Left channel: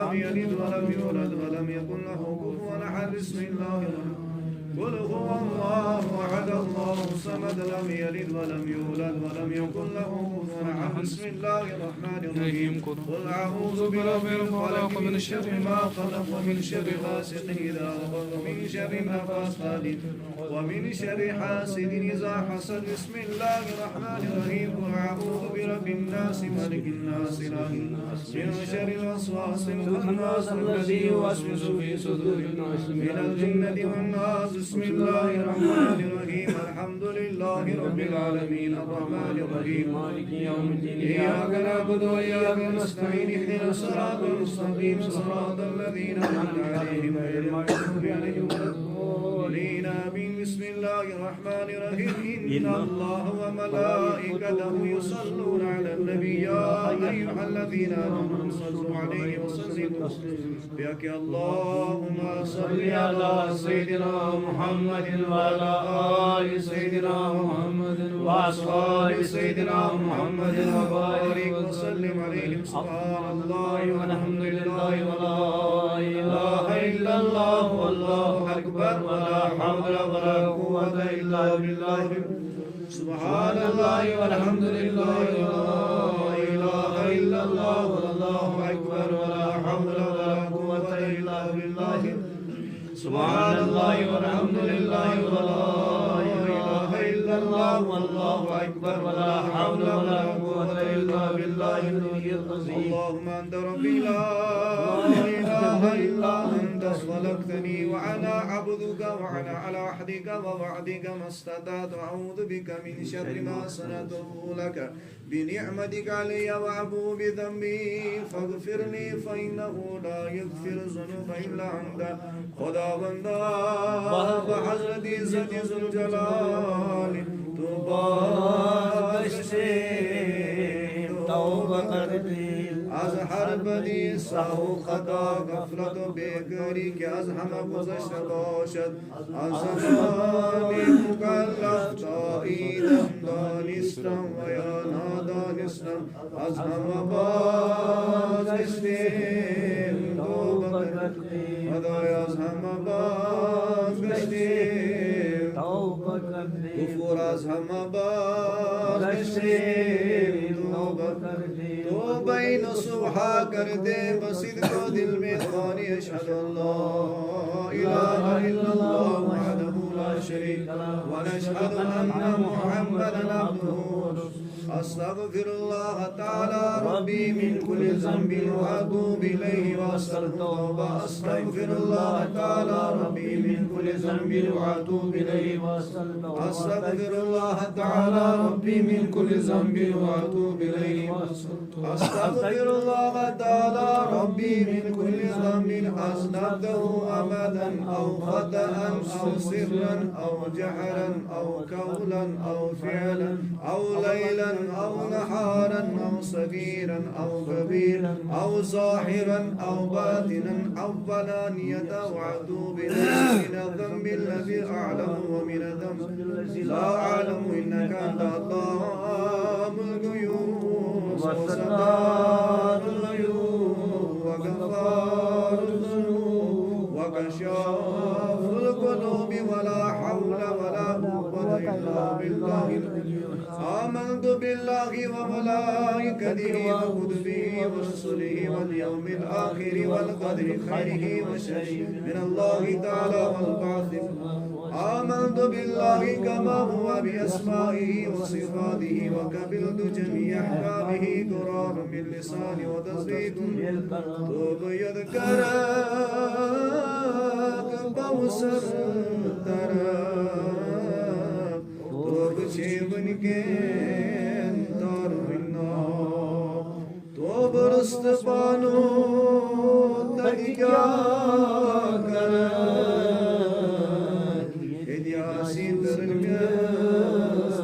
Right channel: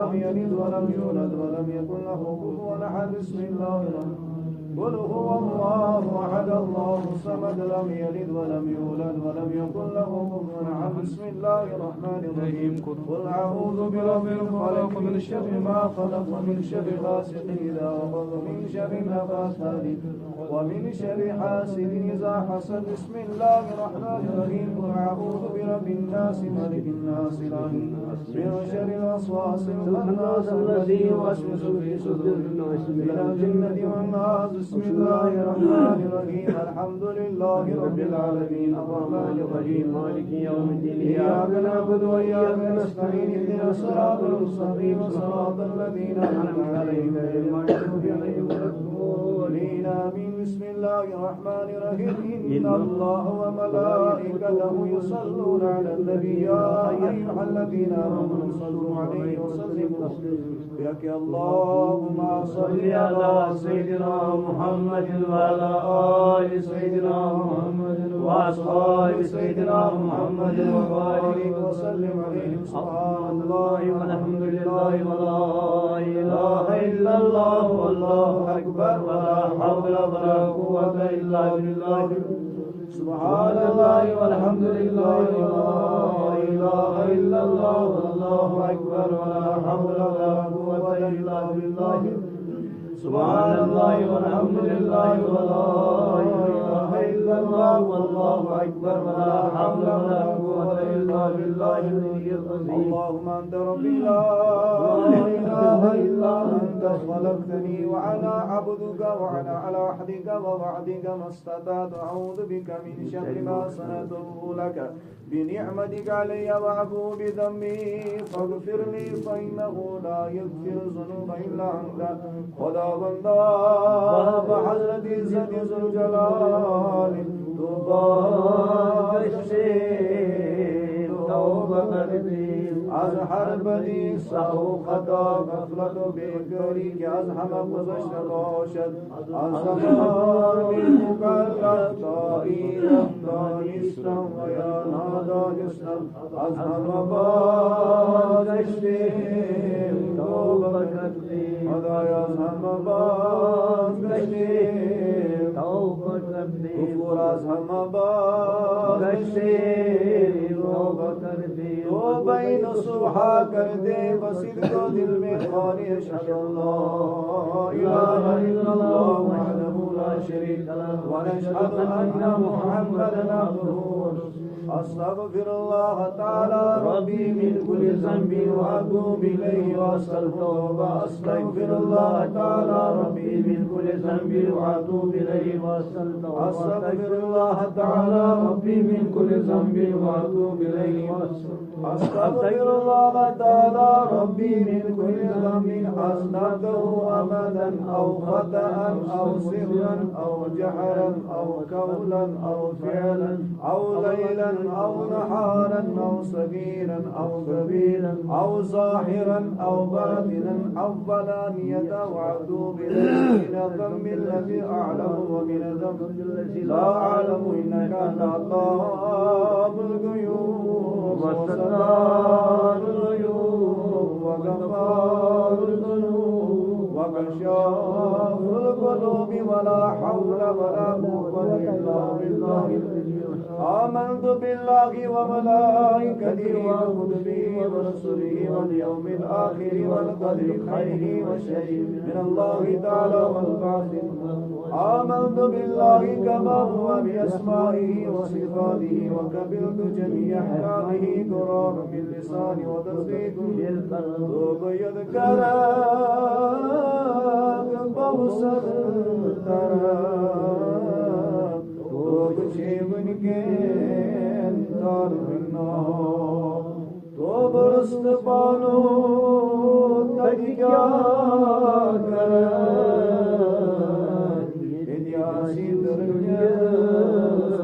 لم يلد ولم يولد ولم يكن له كفوا أحد. بسم الله الرحمن قل هو الله أحد الله الصمد لم يلد ولم يولد ولم يكن له كفوا أحد. بسم الله الرحمن الرحيم قل أعوذ برب الفلق من شر ما خلق ومن شر غاسق إذا وقب ومن شر النفاثات ومن شر حاسد إذا حسد. بسم الله الرحمن الرحيم قل أعوذ برب الناس ملك الناس إله الناس من شر الوسواس الخناس الذي يوسوس في صدور الناس من الجنة والناس. بسم الله الرحمن الرحيم الحمد لله رب العالمين الرحمن الرحيم مالك يوم الدين إياك نعبد وإياك نستعين اهدنا الصراط المستقيم صراط الذين أنعمت عليهم غير المغضوب عليهم ولا الضالين آمين. بسم الله الرحمن الرحيم إن الله وملائكته يصلون على النبي يا أيها الذين آمنوا صلوا عليه وسلموا بك اللهم صل على سيدنا محمد وعلى آل سيدنا محمد وأصحاب سيدنا محمد وبارك وسلم عليهم. سبحان الله والحمد لله ولا إله إلا الله والله أكبر ولا حول ولا قوة إلا بالله. سبحان الله والحمد لله ولا إله إلا الله والله أكبر ولا حول ولا قوة إلا بالله. سبحان الله والحمد لله ولا إله إلا الله والله أكبر ولا حول ولا قوة إلا بالله. اللهم أنت ربي لا إله إلا أنت خلقتني وأنا عبدك وأنا على عهدك ووعدك ما استطعت أعوذ بك من شر ما صنعته لك بنعمتك علي وأبو بذنبي فاغفر لي فإنه لا يغفر الذنوب إلا أنت. خدا بندہ بحضرت عزت ذوالجلال تو بخشے توبہ کر دے از ہر بدی سہو خطا غفلت و بیکاری که از همه گذشته باشد. از زمانی مکلف تا ایدم دانستم و یا نادانستم از همه بازگشتیم توبه کر دے خدای از همه بازگشتیم کفر از همه بازگشتیم توبه کر دے توبه نصوحا کر دے بصدق و دل میں خوانی اشهد ان لا اله الا الله وحده لا شريك له ونشهد ان محمدا عبده ورسوله. أستغفر الله تعالى ربي من كل ذنب وأتوب إليه وأستغفره. أستغفر الله تعالى ربي من كل ذنب وأتوب إليه وأستغفره. أستغفر الله تعالى ربي من كل ذنب وأتوب إليه وأستغفره. أستغفر الله تعالى ربي من كل ذنب أذنبته أبدا أو خطأ أو سرا أو جهرا أو قولا أو فعلا أو ليلا أو نهارا أو صغيرا أو كبيرا أو ظاهرا أو باطنا أو علانية وأتوب إليك من الذنب الذي أعلم ومن الذنب الذي لا أعلم إنك أنت علام الغيوب وستار الغيوب وغفار الذنوب وكشاف القلوب ولا حول ولا قوة إلا بالله. آمنت بالله وملائكته وكتبه ورسله واليوم الآخر والقدر خيره وشره من الله تعالى والبعث. آمنت بالله كما هو بأسمائه وصفاته وقبلت جميع أحكامه قرار باللسان وتصديق بالقلب يذكرك بوسر ترك توب شیبن کے اندر منا توب رست بانو تک کیا کرد ادیاسی درگست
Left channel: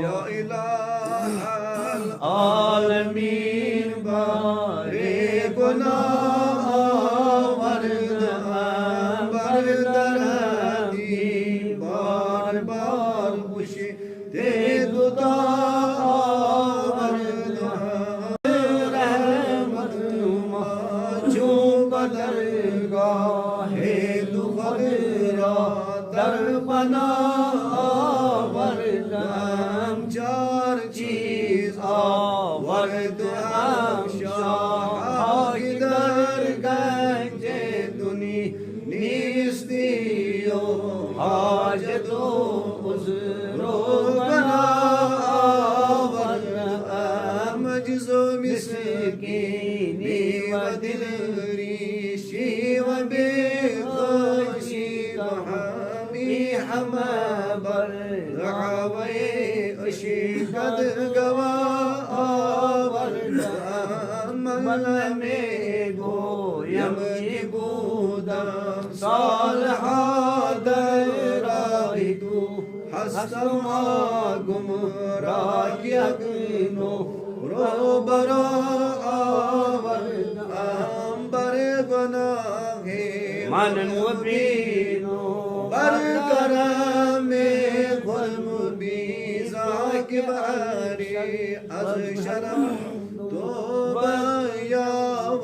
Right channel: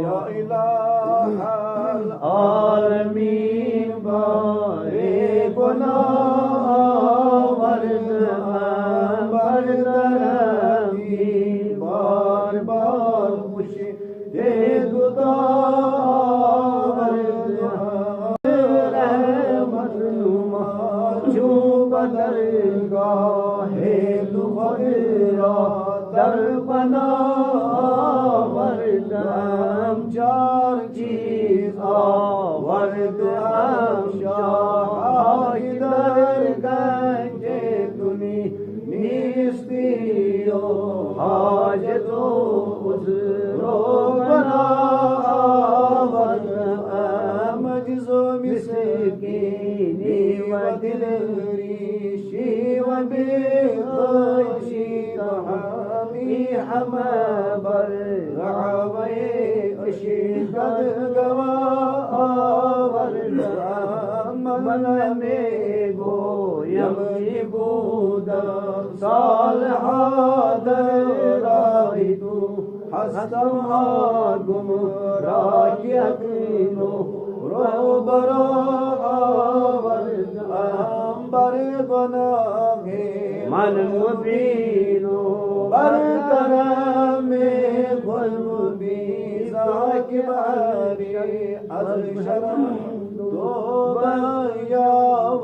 یا الہ العالمین بارے گناہ بردردی بار بار خوشی دے دعا رحمت दरगाहे तू खदरा दर बना वरदाम चार चीज वरदाम शाह दर गंजे दुनी निस्तियो हाजतो उज़रो बना वरदाम मजज़ो मिस्कीनी व दिल रीशी व बेखुशी हामी हमा बर दआवे अशिकत गवा वरदाम में गोयम बुदा सालहा दरागी तू हसम गुमराह यकीनो रो बरा वरदाम बर गुनाहे मन मुबीनो बर करम गुल मुबीज़ा के बहारे अज़ शरम तोबा या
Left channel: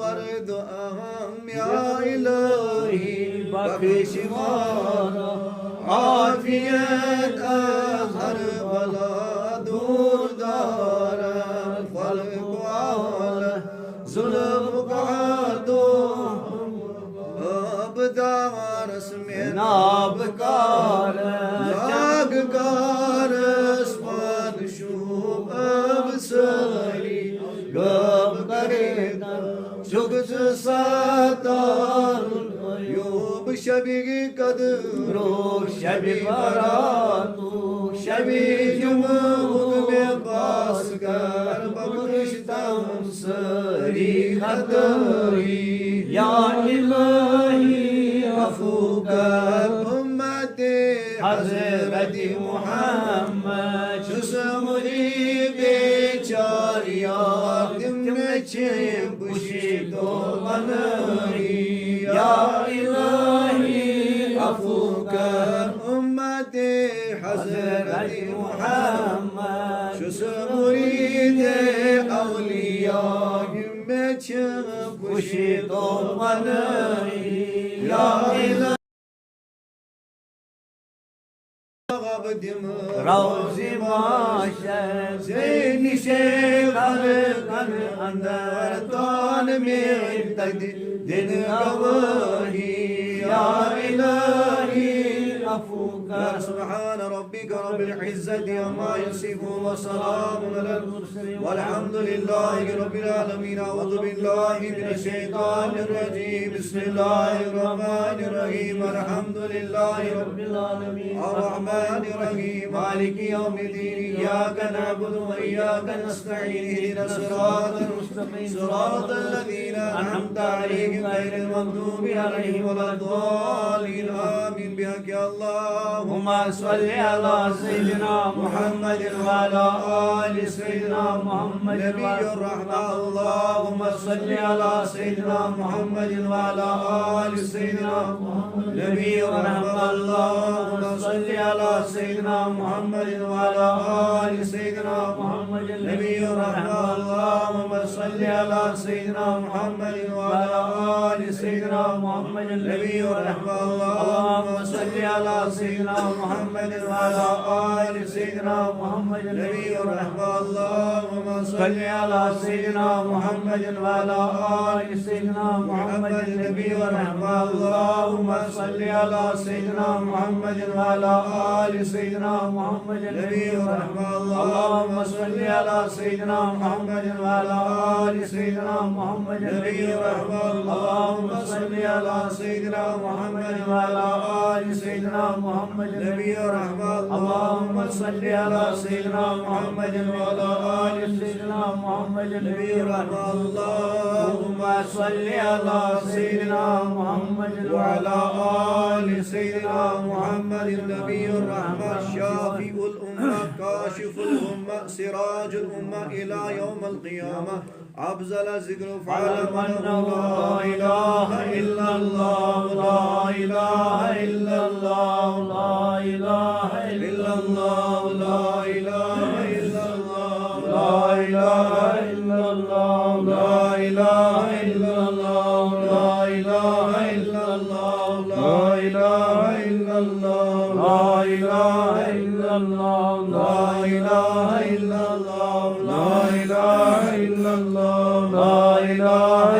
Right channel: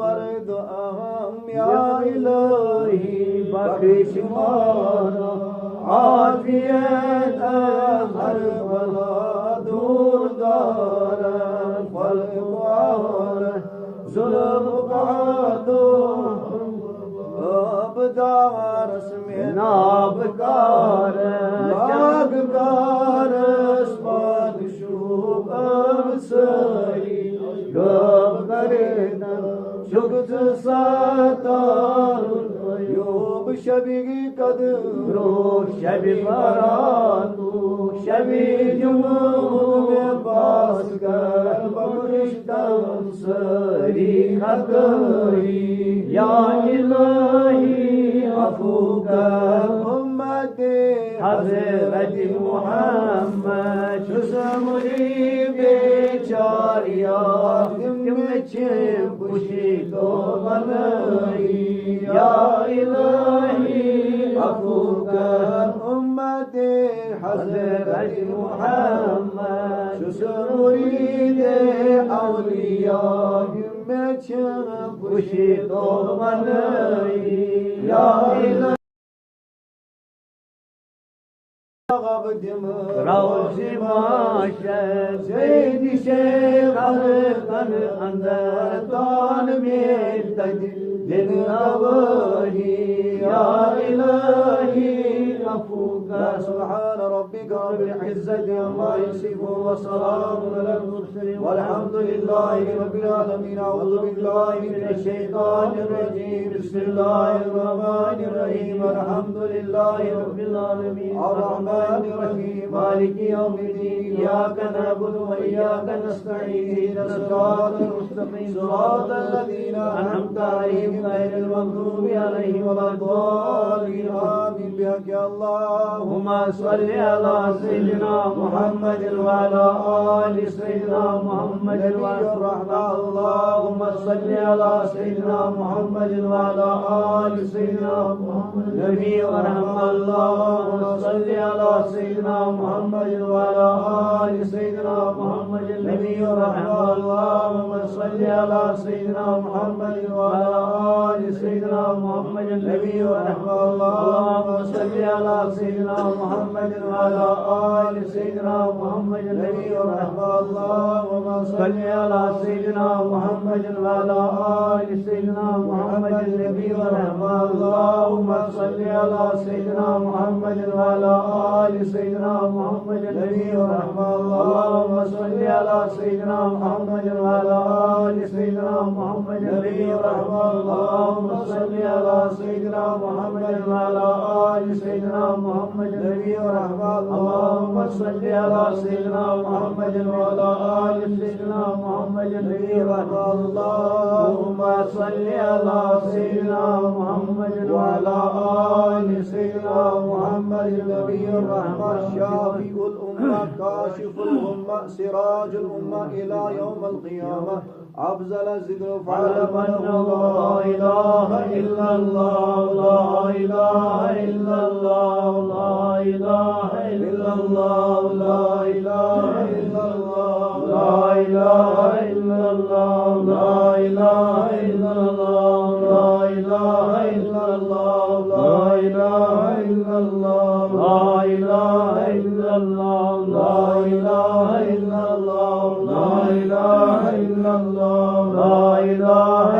वरदाम या इलाही बख्श माना आफियत अज़ हर बला दूर दारम खल्क़ वाला जुल्म कादो abdaras mein abkar lagkar spad shub absari gab kareta jugt satar yob shabi kadro shabi baratu shabi jumud mein bas kar bakshtam sari hadri ya ilahi afukan ummati hazrati muhammad shusmuri bechari yadim chim kushi to banai ya ilahi afukan ummati hazrati muhammad shusmuri de awliya खुशी तो बनाई या इलाही गबदिम रोज़ी माशर से निशे हर कन अंदर तान में तद दिन गवाही या इलाही अफूकर सुब्हान रब्बिक रब्बिल इज़्ज़ति अम्मा यसिफून व सलामुन अलल मुरसलीन वल्हम्दुलिल्लाहि रब्बिल आलमीन अऊज़ु बिल्लाहि मिनश शैतानिर रजीम बिस्मिल्लाहिर रहमानिर रहीम अल्हम्दुलिल्लाहि रब्बिल आलमीन अर्रहमानिर रहीम मालिकि यौमिद्दीन इय्याका नअबुदु व इय्याका नस्तईन इहदिनस सिरातल मुस्तक़ीम सिरातल लज़ीना अनअमता अलैहिम गैरिल मग़दूबि अलैहिम वलद्दालीन आमीन बिहक़्क़ि अल्लाहुम्मा सल्लि अला सय्यिदिना मुहम्मदिन व अला आलि सय्यिदिना मुहम्मद नबिय्युर रहमा अल्लाहुम्मा सल्लि अला सय्यिदिना मुहम्मदिन व अला आलि सय्यिदिना मुहम्मद नबिय्युर रहमा अल्लाहुम्मा सल्लि अला सय्यिदिना मुहम्मदिन व अला आलि सय्यिदिना मुहम्मद नबिय्युर रहमा अल्लाहुम्मा सल्लि अला सय्यिदिना मुहम्मदिन व अला आलि सय्यिदिना मुहम्मद नबिय्युर रहमा अल्लाहुम्मा सल्लि अला सय्यिदिना मुहम्मदिन व अला आलि सय्यिदिना मुहम्मद नबिय्युर रहमा अल्लाहुम्मा सल्लि अला सय्यिदिना मुहम्मदिन व अला आलि सय्यिदिना मुहम्मद नबिय्युर रहमा अल्लाहुम्मा सल्लि अला सय्यिदिना मुहम्मदिन व अला आलि सय्यिदिना मुहम्मद नबिय्युर रहमा अल्लाहुम्मा सल्लि अला सय्यिदिना मुहम्मदिन व अला आलि सय्यिदिना मुहम्मद नबिय्युर रहमा अल्लाहुम्मा सल्लि अला सय्यिदिना मुहम्मदिन व अला आलि सय्यिदिना मुहम्मद नबिय्युर रहमा अल्लाहुम्मा सल्लि अला सय्यिदिना मुहम्मदिन व अला आलि सय्यिदिना मुहम्मद नबिय्युर रहमा अल्लाहुम्मा सल्लि अला सय्यिदिना मुहम्मद व अला आलि सय्यिदिना मुहम्मद नबिय्युर रहमा शाफीउल उम्मा काशिफुल उम्मा सिराजुल उम्मा इला यौमिल क़ियामह अफ़ज़ल ज़िक्र फ़अलम अन्नहु ला इलाहा इल्लल्लाह ला इलाहा इल्लल्लाह ला इलाहा इल्लल्लाह ला इलाहा इल्लल्लाह ला इलाहा इल्लल्लाह ला इलाहा इल्लल्लाह ला इलाहा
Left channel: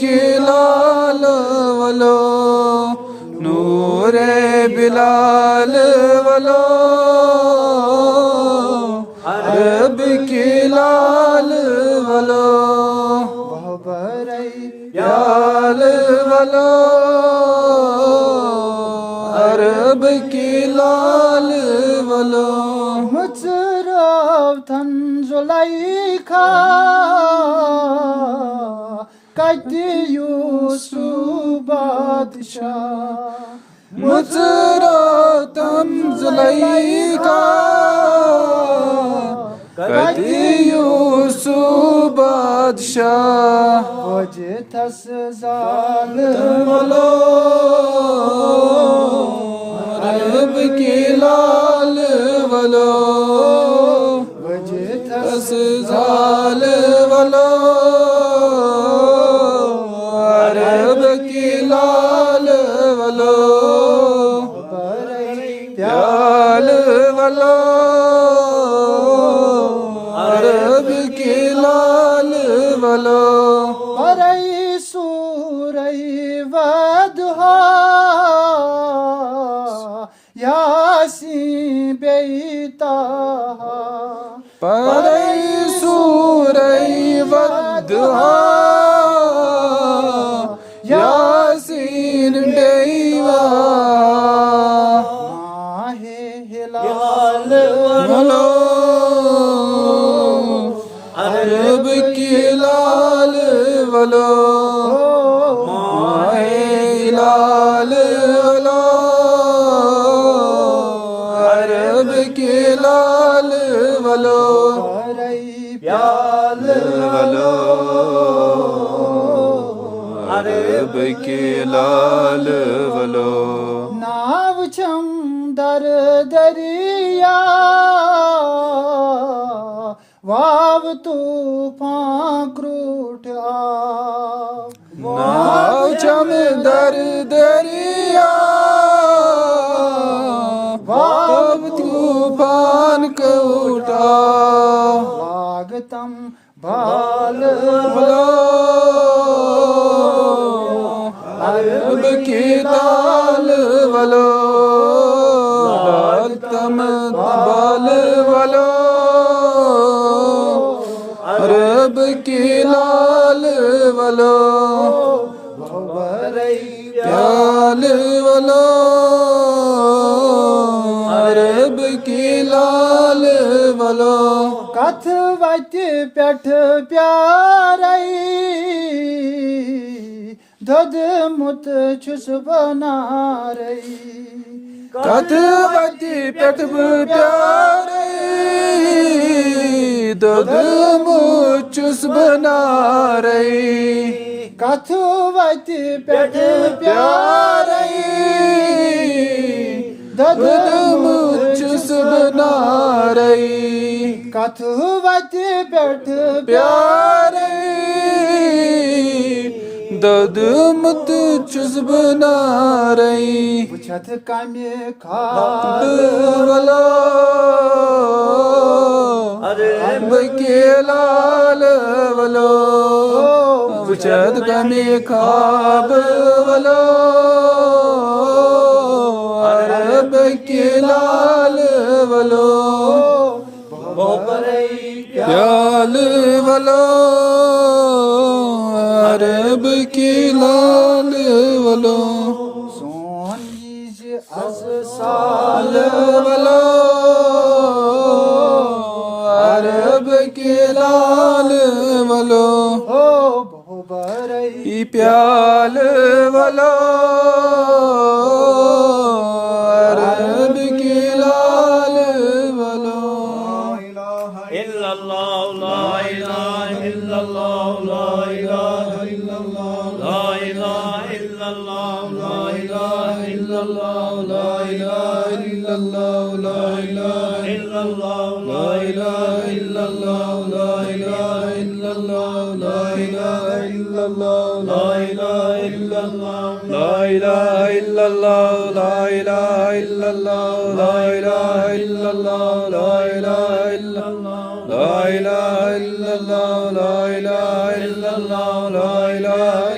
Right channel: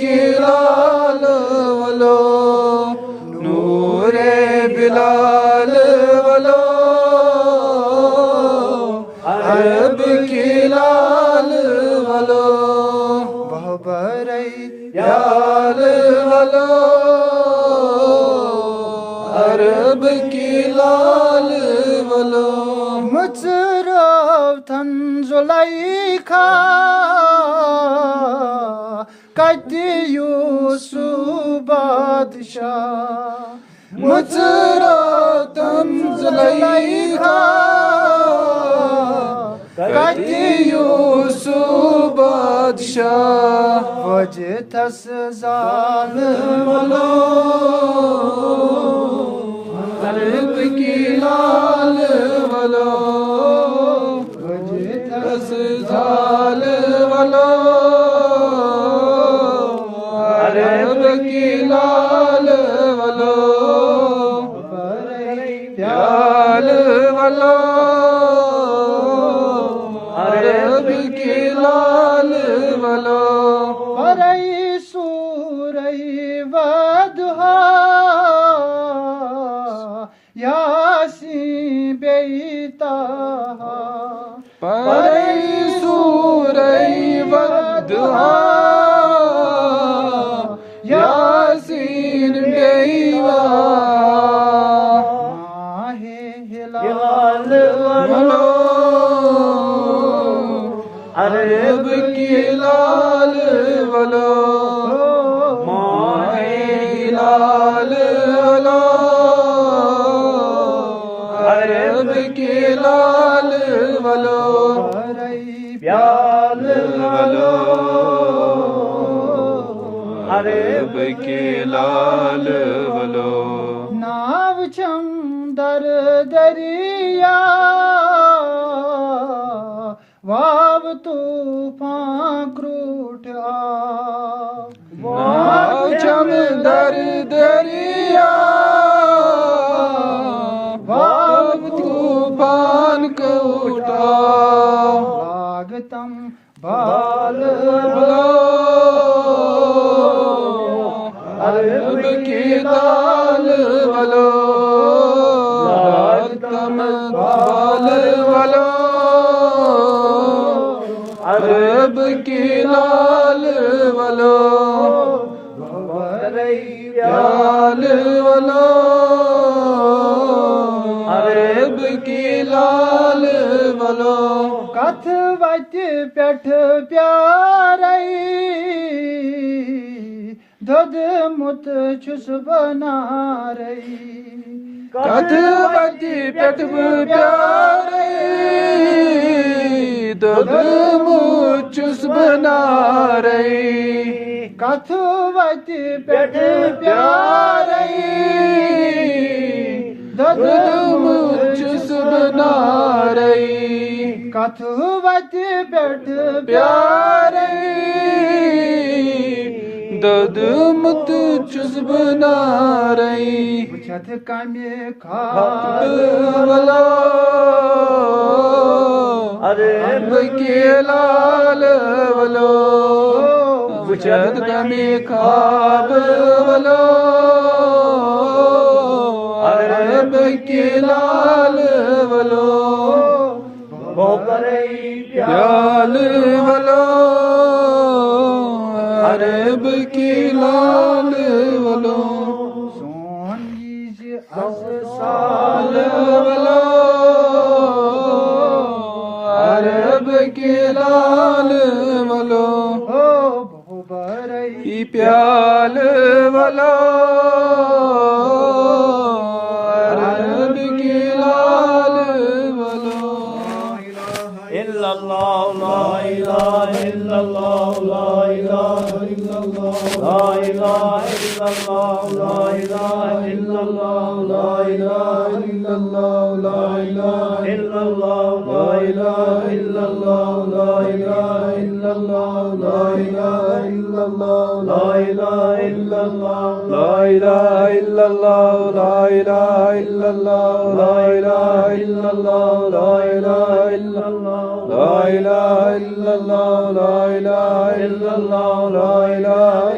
की लाल वलो नूरे बिलाल वलो अरब की लाल वलो बहबरई याल वलो अरब की लाल वलो मुजरब थन जुलाइखा कदी यूसुफ बादशाह मुजरब थन जुलाइखा कदी यूसुफ बादशाह वजह थस जालिम वलो अरब की लाल वलो वजह थस जालिम वलो अरब की लाल वलो प्याल वलो अरब की लाल वलो परई सूरई वदहा यासीन बेताहा परई सूरई वदहा यासीन बेवा माहे हिलाल वलो अरब की लाल वलो माहे हिलाल वलो अरब की लाल वलो प्याल वलो अरब की लाल वलो नाव चम दर दरिया वाव तूफान क्रूठ नाव चम दर दरिया वाव तूफान क्रूठ वागतम बाल वलो अरब की लाल वलो वागतम बाल वलो अरब की लाल वलो प्याल वलो अरब की लाल वलो कथ वत पेठ प्यारई दद मुत छुस बना रही कथ वत पेठ प्यारई दद मुत छुस बना रही कथ वत पेठ प्यारई दद मुत छुस बना रही कथ वत पेठ प्यारई दद मुत छुस बना रही छत कमे खाल वलो अरब के लाल वलो छत कमे खाब वलो अरब के लाल वलो प्याल वलो अरब की लाल वलो सोन अस साल वलो अरब की लाल वलो बहुबरई प्याल वलो अरब की लाल वलो इल्लल्लाह ला इलाहा इल्लल्लाह ला इलाहा इल्लल्लाह ला इलाहा इल्लल्लाह ला इलाहा इल्लल्लाह ला इलाहा इल्लल्लाह ला इलाहा इल्लल्लाह ला इलाहा इल्लल्लाह ला इलाहा इल्लल्लाह ला इलाहा इल्लल्लाह ला इलाहा इल्लल्लाह ला इलाहा इल्लल्लाह ला इलाहा इल्लल्लाह ला इलाहा इल्लल्लाह ला इलाहा इल्लल्लाह ला इलाहा इल्लल्लाह ला इलाहा इल्लल्लाह ला इलाहा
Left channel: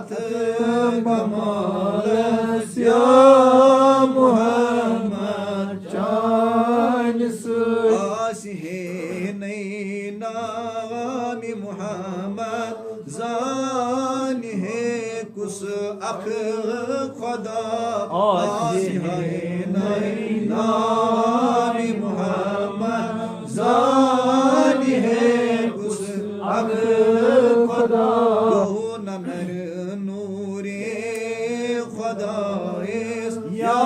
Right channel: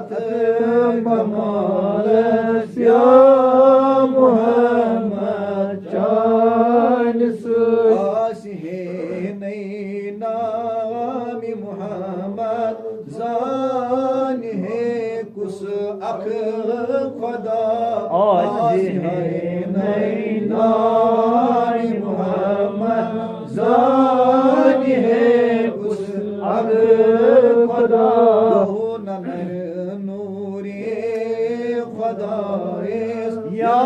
अथ कमालस या मुहम्मद चानिस आस है नई नामी मुहम्मद जान है कुस अख खुदा आस है नई नामी मुहम्मद जान है कुस अख खुदा नर नूरे खुदा या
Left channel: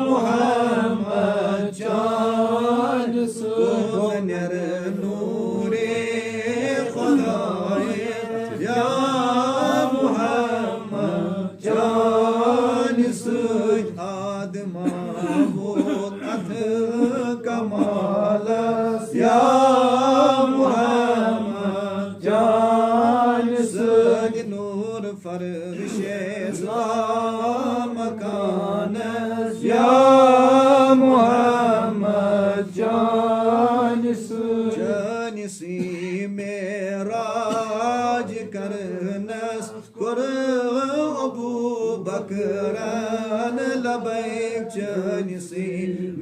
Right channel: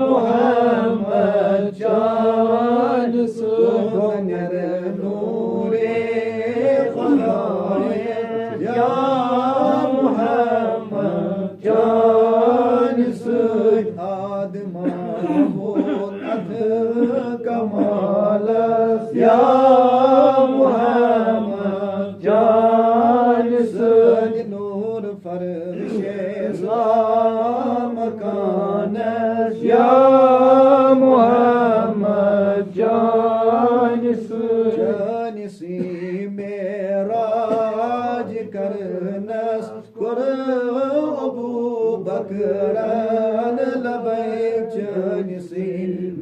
मुहम्मद चानिस नर नूरे खुदा या मुहम्मद चानिस आदमा बहुत अथ कमाल या मुहम्मद चानिस नूर फरशे मकान या मुहम्मद चानिस चानिसी मेराज करनस कुर अबू बकरन लबैक चानिसी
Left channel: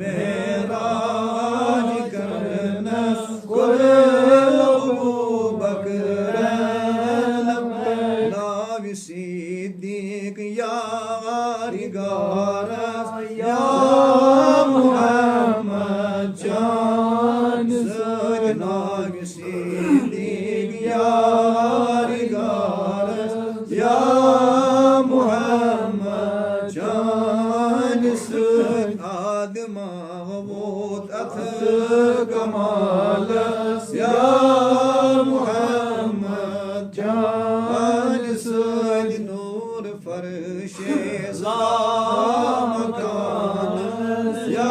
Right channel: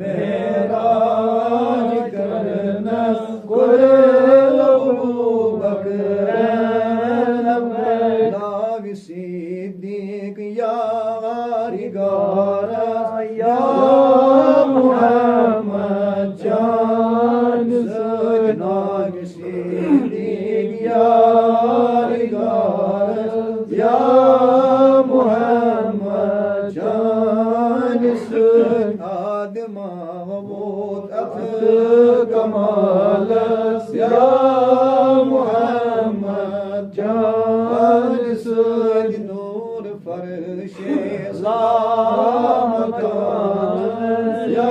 मेराज करनस कुर अबू बकरन लबैक नावि सिद्दीक यारी गारस या मुहम्मद चानिस नावि सिद्दीक यारी गारस या मुहम्मद चानिस आदमा बहुत अथ कमालस या मुहम्मद चानिस नूर फरशे मकान या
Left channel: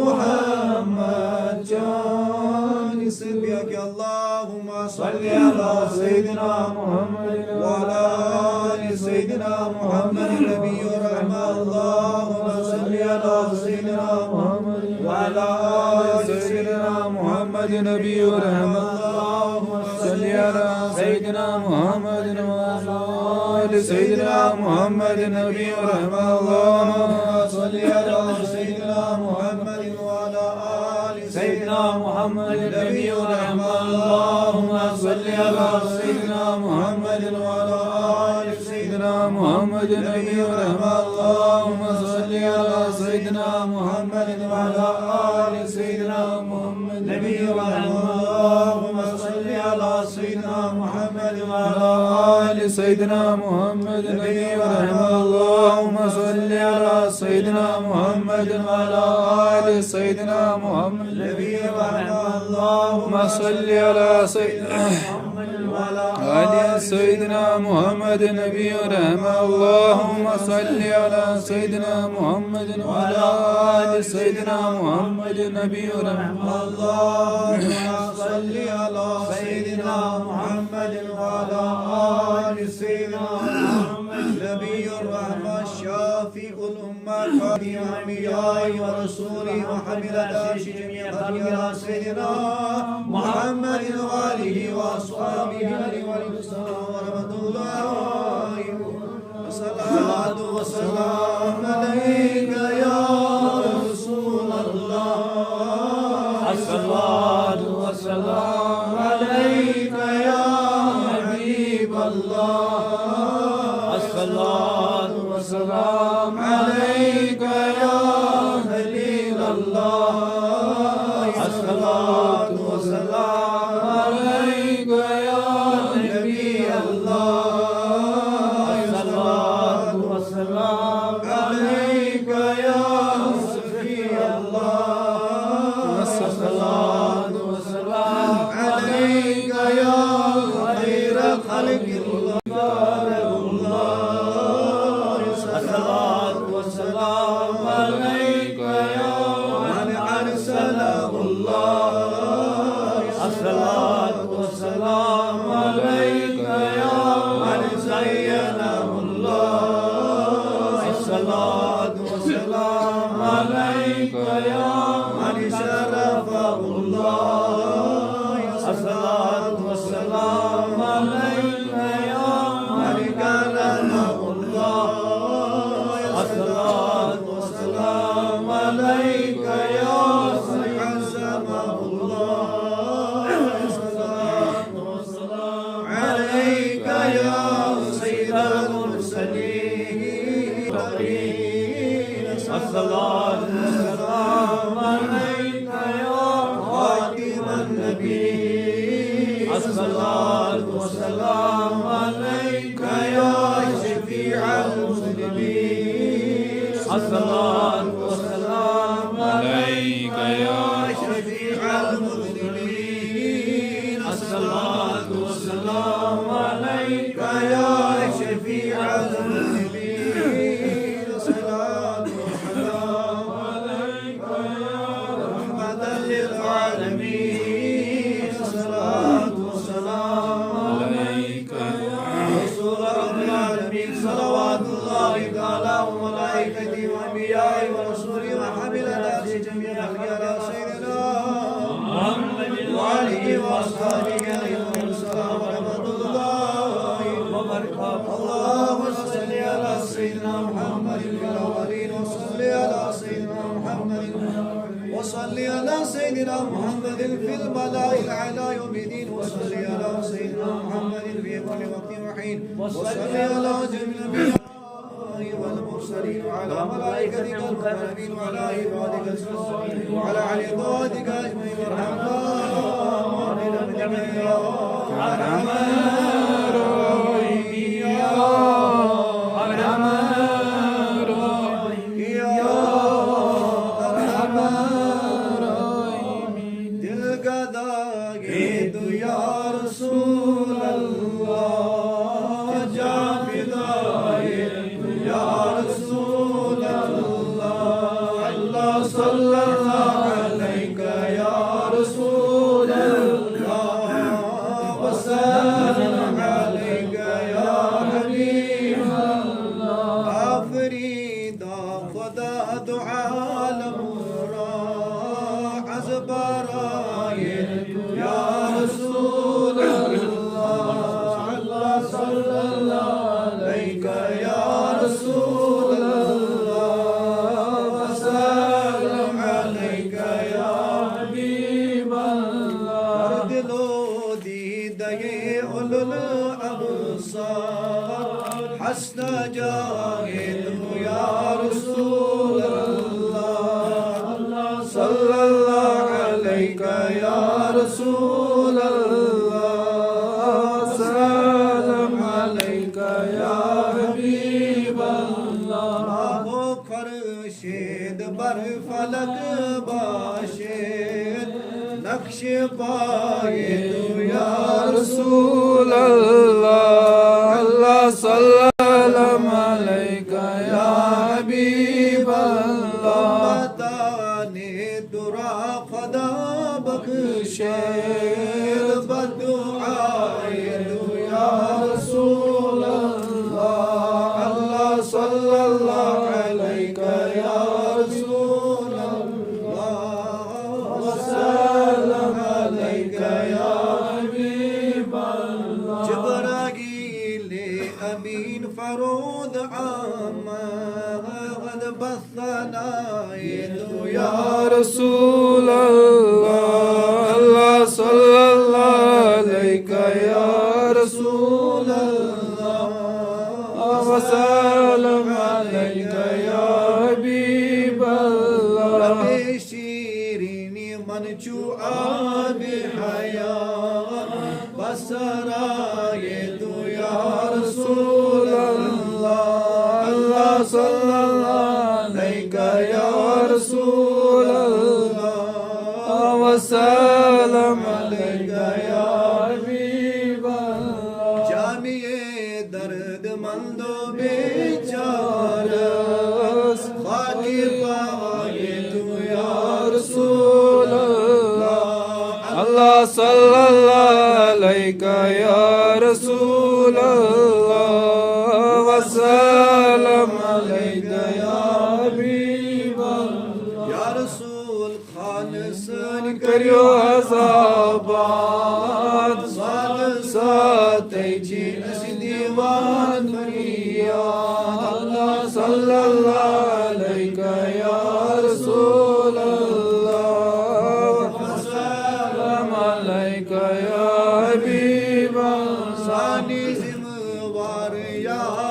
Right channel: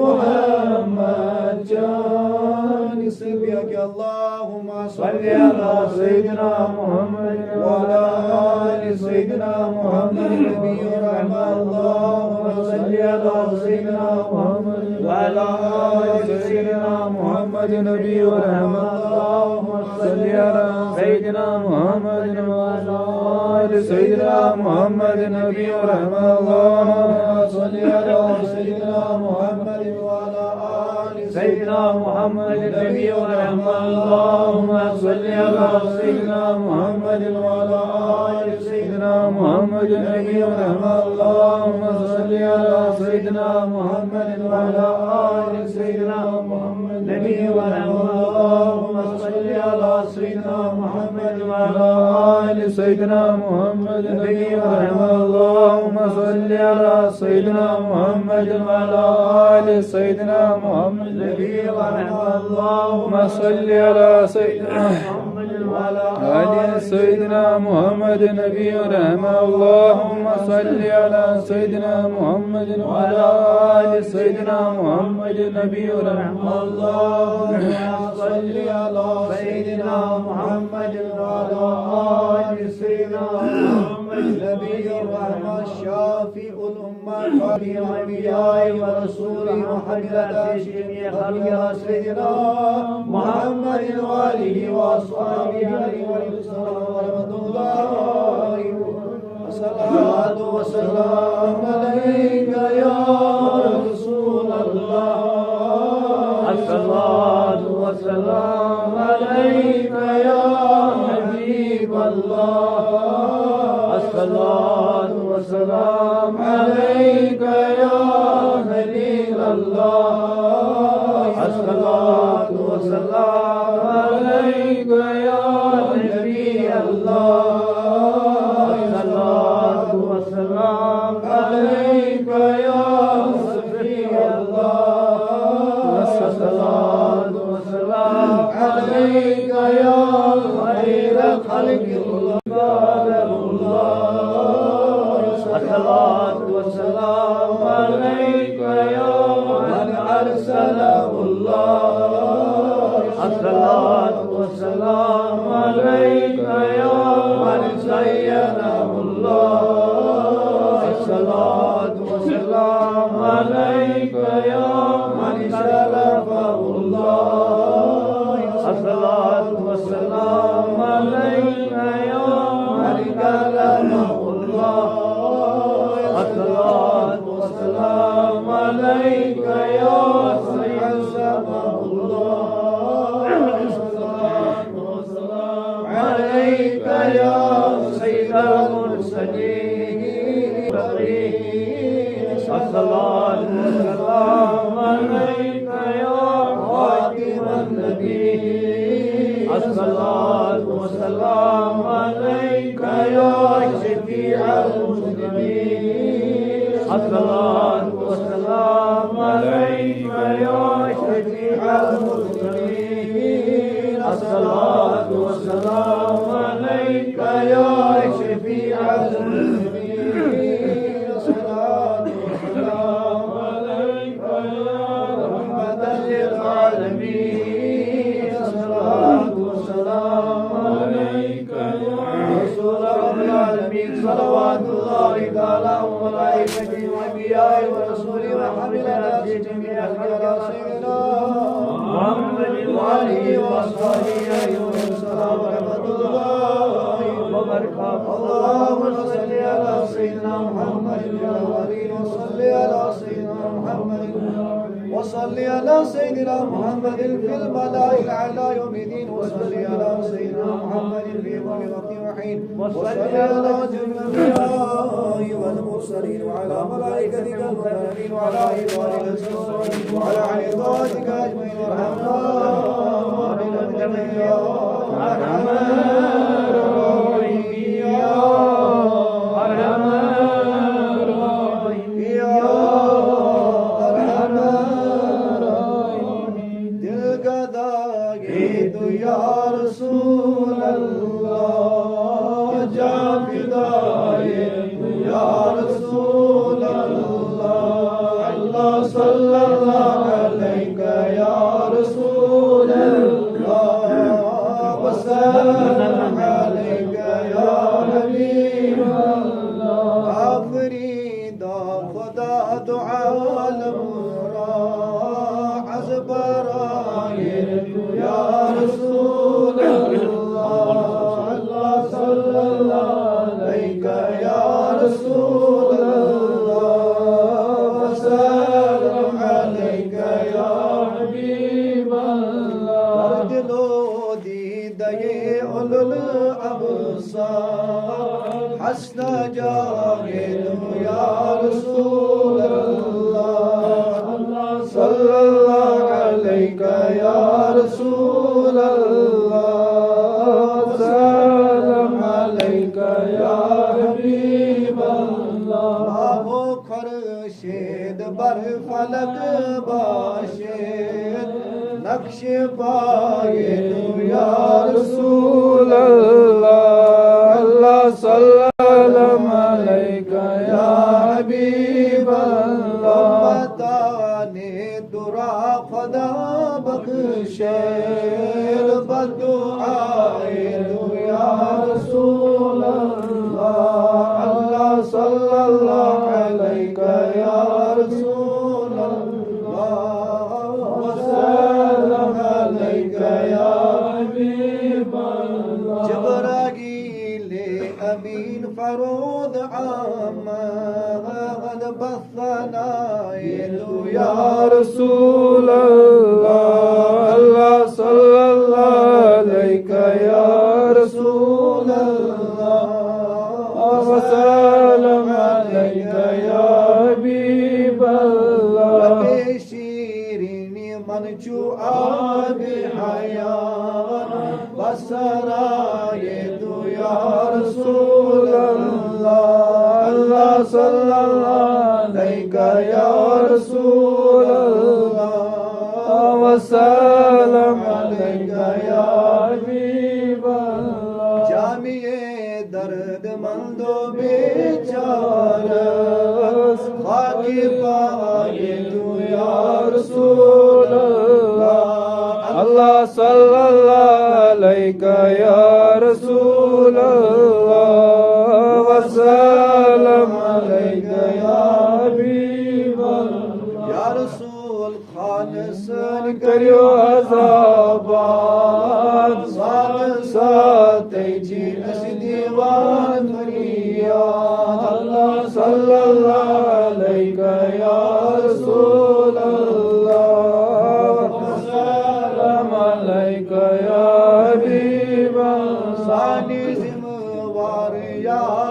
मुहम्मद चानिस बिक अल्लाहुम्मा सल्ली अला सय्यिदिना मुहम्मद व अला आलि सय्यिदिना मुहम्मद नबी रहमा अल्लाहुम्मा सल्ली अला सय्यिदिना मुहम्मद व अला आलि सय्यिदिना मुहम्मद नबी रहमा अल्लाहुम्मा सल्ली अला सय्यिदिना मुहम्मद व अला आलि सय्यिदिना मुहम्मद नबी रहमा अल्लाहुम्मा सल्ली अला सय्यिदिना मुहम्मद व अला आलि सय्यिदिना मुहम्मद नबी रहमा अल्लाहुम्मा सल्ली अला सय्यिदिना मुहम्मद व अला आलि सय्यिदिना मुहम्मद नबी रहमा अल्लाहुम्मा सल्ली अला सय्यिदिना मुहम्मद व अला आलि सय्यिदिना मुहम्मद नबी रहमा अल्लाहुम्मा सल्ली अला सय्यिदिना मुहम्मद व अला आलि सय्यिदिना मुहम्मद नबी रहमा अल्लाहुम्मा सल्ली अला सय्यिदिना मुहम्मद व अला आलि सय्यिदिना मुहम्मद नबी रहमा अल्लाहुम्मा सल्ली अला सय्यिदिना मुहम्मद व अला आलि सय्यिदिना मुहम्मद नबी रहमा अल्लाहुम्मा सल्ली अला सय्यिदिना मुहम्मद व अला आलि सय्यिदिना मुहम्मद नबी रहमा अल्लाहुम्मा सल्ली अला सय्यिदिना मुहम्मद व अला आलि सय्यिदिना मुहम्मद नबी रहमा शाफिउल उम्मा क़ादी अंबिया'i व रसूली व हमिलत जमीअ सय्यिदिना मुहम्मद व आलिहि व अस्हाबिहि व रहमतुल्लाहि अस्सलातु वस्सलाम अलैका या रसूलल्लाह अस्सलातु वस्सलाम अलैका या हबीबल्लाह अस्सलातु वस्सलाम अलैका या खलीलल्लाह अस्सलातु वस्सलाम अलैका या नबी अल्लाह المرسلين الصلاة والسلام عليك يا خاتم النبيين الصلاة والسلام عليك يا شفيع المسلمين الصلاة والسلام عليك يا شفيع المذنبين الصلاة والسلام عليك يا شفيع المذنبين الصلاة والسلام عليك يا رحمة للعالمين الصلاة والسلام عليك يا رسول رب العالمين صلوات الله تعالى وملائكته وانبيائه ورسوله وحمل الناس جميعا على سيدنا محمد وآله وأصحابه عليهم السلام ورحمة الله وبركاته. اللهم صل على سيدنا محمد في الأولين وصل على سيدنا محمد وصل على سيدنا محمد في الملأ الأعلى يوم الدين وصل على سيدنا محمد في كل وقت وحين وصل على جميع الأنبياء والمرسلين وعلى ملائكتك المكرمين وعلى عبادك الصالحين وعلى عبادك أجمعين وارحمنا برحمتك يا أرحم الراحمين يا أرحم الراحمين يا أرحم الراحمين दिल का दागे तो या रसूल अल्लाह जा फिदाए तो या रसूल अल्लाह अल्लाह सल्लल्लाहु अलैका या रसूल अल्लाह वसल्लम अलैका या हबीब अल्लाह आखिरी दा खुदा दुआ लमरा हज़बराए या रसूल अल्लाह अल्लाह सल्लल्लाहु अलैका या रसूल अल्लाह वसल्लम अलैका या हबीब अल्लाह हर दिलो दीदे उलुल अबसार हस्ना जाए तू या रसूल अल्लाह अल्लाह सल्लल्लाहु अलैका या रसूल अल्लाह सल्लम अलैका या हबीब अल्लाह हो खर्शेद बर फलक बाशेद नक्श पाए तू या रसूल अल्लाह अल्लाह सल्लम अलैका या हबीब अल्लाह बताने दुरा खुदा बख्शे बदुआए तू या रसूल अल्लाह अल्लाह सल्लल्लाहु अलैका या रसूल अल्लाह वसल्लम अलैका या हबीब अल्लाह जबराईल अमीन फरूद आमद बसना ये तू या रसूल अल्लाह अल्लाह सल्लल्लाहु अलैका या रसूल अल्लाह वसल्लम अलैका या हबीब अल्लाह शीरीनी मनचू आब हयात बसराए तू या रसूल अल्लाह अल्लाह सल्लल्लाहु अलैका या रसूल अल्लाह वसल्लम अलैका या हबीब अल्लाह जामिए दर्द मंदो बेचारस खाकी पाए तू या रसूल अल्लाह अल्लाह सल्लल्लाहु अलैका या रसूल अल्लाह वसल्लम अलैका या हबीब अल्लाह या रसूल खालसन करियो अज़ाबात साल साथ जी अस दीवान मरिया अल्लाह सल्लल्लाहु अलैका या रसूल अल्लाह वसल्लम अलैका या हबीब अल्लाह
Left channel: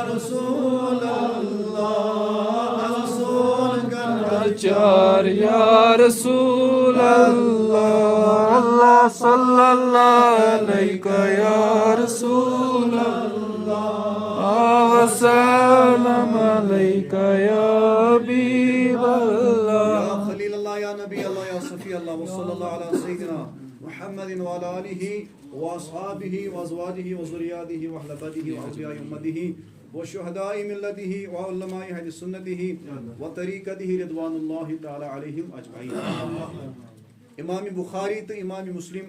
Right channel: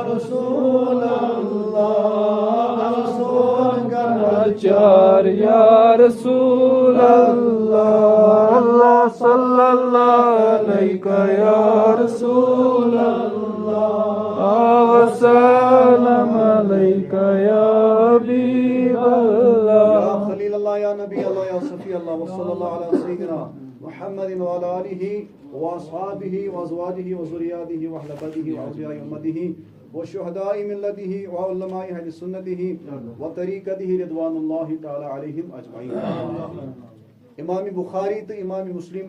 रसूल अल्लाह रसूल चार या रसूल अल्लाह अल्लाह सल्लल्लाहु अलैका या रसूल अल्लाह वसल्लम अलैका या हबीब अल्लाह या खलील अल्लाह या नबी अल्लाह या सफी अल्लाह व सल्लल्लाहु अला सय्यिदिना मुहम्मदिन व अला आलिहि व अस्हाबिहि व अज़वाजिहि व ज़ुर्रिय्यातिहि व अहli बैतिहि व अहलिया उम्मतिहि वशुहदाई मिल्लतिहि व उलमाई अहली सुन्नतिहि व तरीक़तिहि रिदवानुल्लाहि तआला अलैहिम अजमईन। इमाम बुखारी तो इमाम मुस्लिम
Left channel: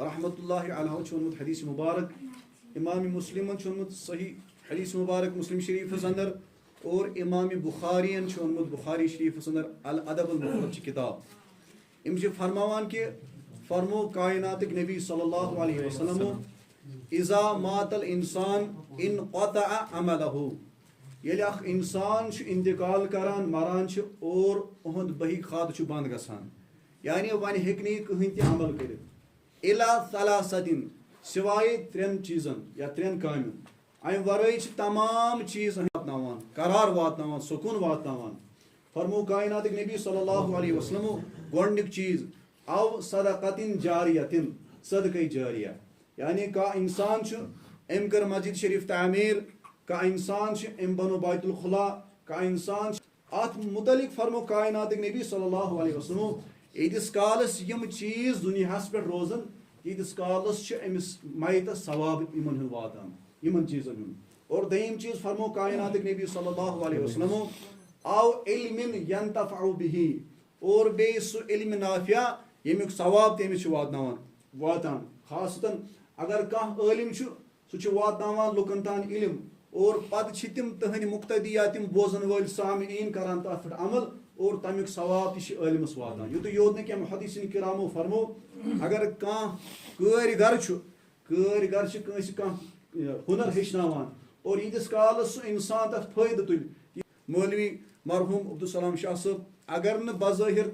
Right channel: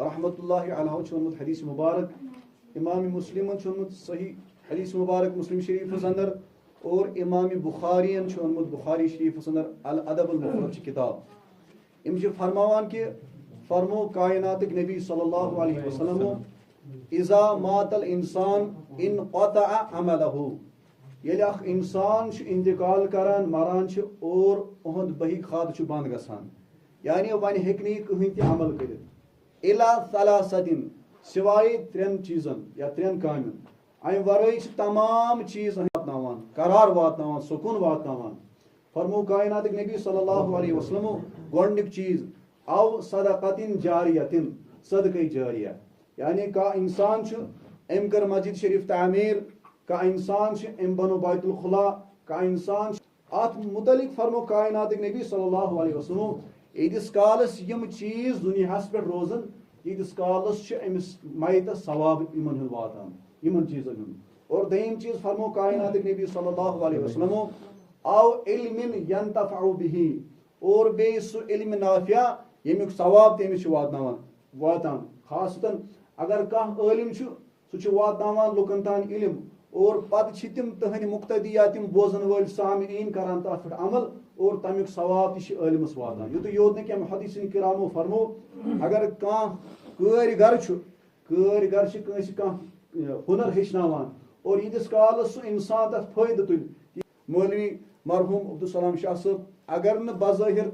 रहमतुल्लाहि अलैहि वोन्मुत हदीस मुबारक, इमाम मुस्लिम वोन्मुत सही हदीस मुबारक मुस्लिम शरीफ अंदर और इमाम बुखारी वोन्मुत बुखारी शरीफ अंदर अल अदब अल मुफ़रद किताब इम फरमावान कि फरमो कायनात नबी सल्लल्लाहु अलैहि वसल्लम इज़ा मातल इंसान इन क़तअ अमलहु यदि अख इंसान इंतकाल करान मरान और उहद बही खाद बंद गसान यानी वन हेकनी कहीं ते अमल कर इला सलासतिन सिवाय त्रेन चीजन या त्रेन कामन अम वरई तमाम चीज वातनावान करार वातनावान सुकून वातनावान फरमो कायनात नबी सल्लल्लाहु अलैहि वसल्लम गोडनिक चीज अव सदक़तिन जारियतिन सदक़े जारिया यानी का इंसान एम कर मस्जिद शरीफ तामीर का इंसान एम बनो बैतुल खुला का इंसान अत मुतलिक फरमो कायनात नबी सल्लल्लाहु अलैहि वसल्लम यीस कालस यम चीज दुनियास पे रोजन यीस कालस अमिस मायतस सवाब इमन वातान इमन चीजन और दयम चीज फरमो कायनात नबी सल्लल्लाहु अलैहि वसल्लम आव इल्मिन यंतफउ बिही और बे सु इल्म नाफिया यमिक सवाब तमिस वातान खासतन अगर कह आलिम सह वातान लुकन तान इल्म और पद तिम तहन मुक्तदिया तिम बोजन वल सामीन करान तथ अमल और तमिक सवाब तलिमस वातान युत योत न मुहद्दिसीन किरामो फरमो अगर कह कारीगर हुनर हेचनावान और यीस कालस सह इंसान तथ फायदे तुल मौलवी मरहूम अब्दुलसलाम शाह साहब अगर न बज़ाहिर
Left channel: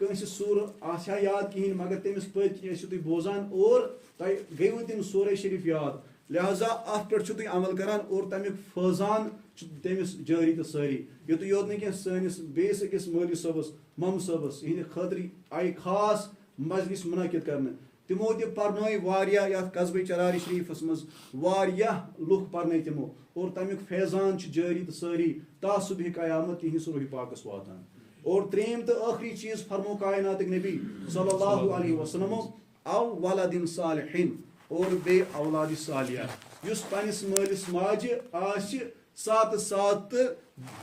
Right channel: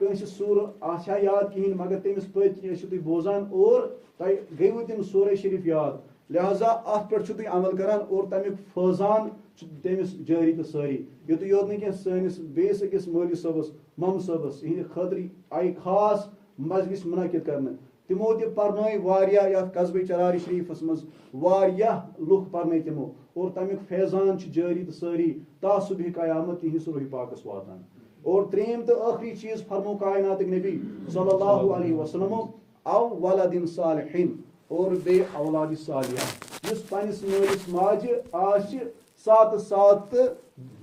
तुम सूर आशा याद कहें मगर तमिस पत तुम बोजान और तुम गयु तम सूर शरीफ याद लिहाजा अत पे अमल करान और तमिक फैजान तमिस जारी तो सारी युत योत न सैनिस बेस अकिस मौलवी सबस मम सबस इहद खतर आई खास मजलिस मुनक़िद करने तिमो ति पर्नय वारिया कस्बे चरारी शरीफस मज वारिया लुक पर्नय तिमो और तमिक फैजान जारी तो सारी ता सुबह क़यामत तिहिंस रूह पाकस वातान और त्रेम तो आखिरी चीज फरमो कायनात नबी सल्लल्लाहु अलैहि वसल्लम अव वलदिन सालिहिन और बे औलाद सालिया युस पनिस मालिस माजे आश सात सात